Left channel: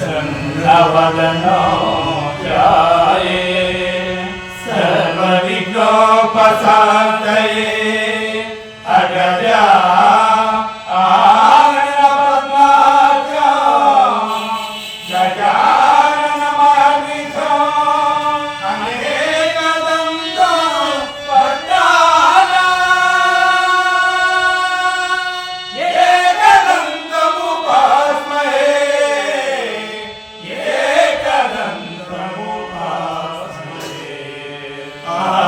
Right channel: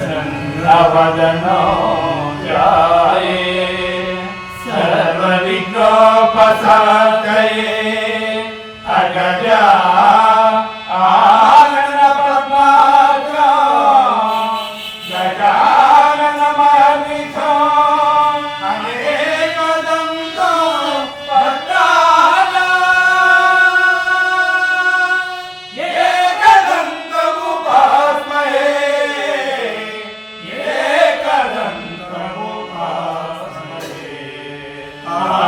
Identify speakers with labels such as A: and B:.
A: ప్రసన్నవదనో ధ్యాయే సర్వవిఘ్నోపశాంతయే అగజా Amen.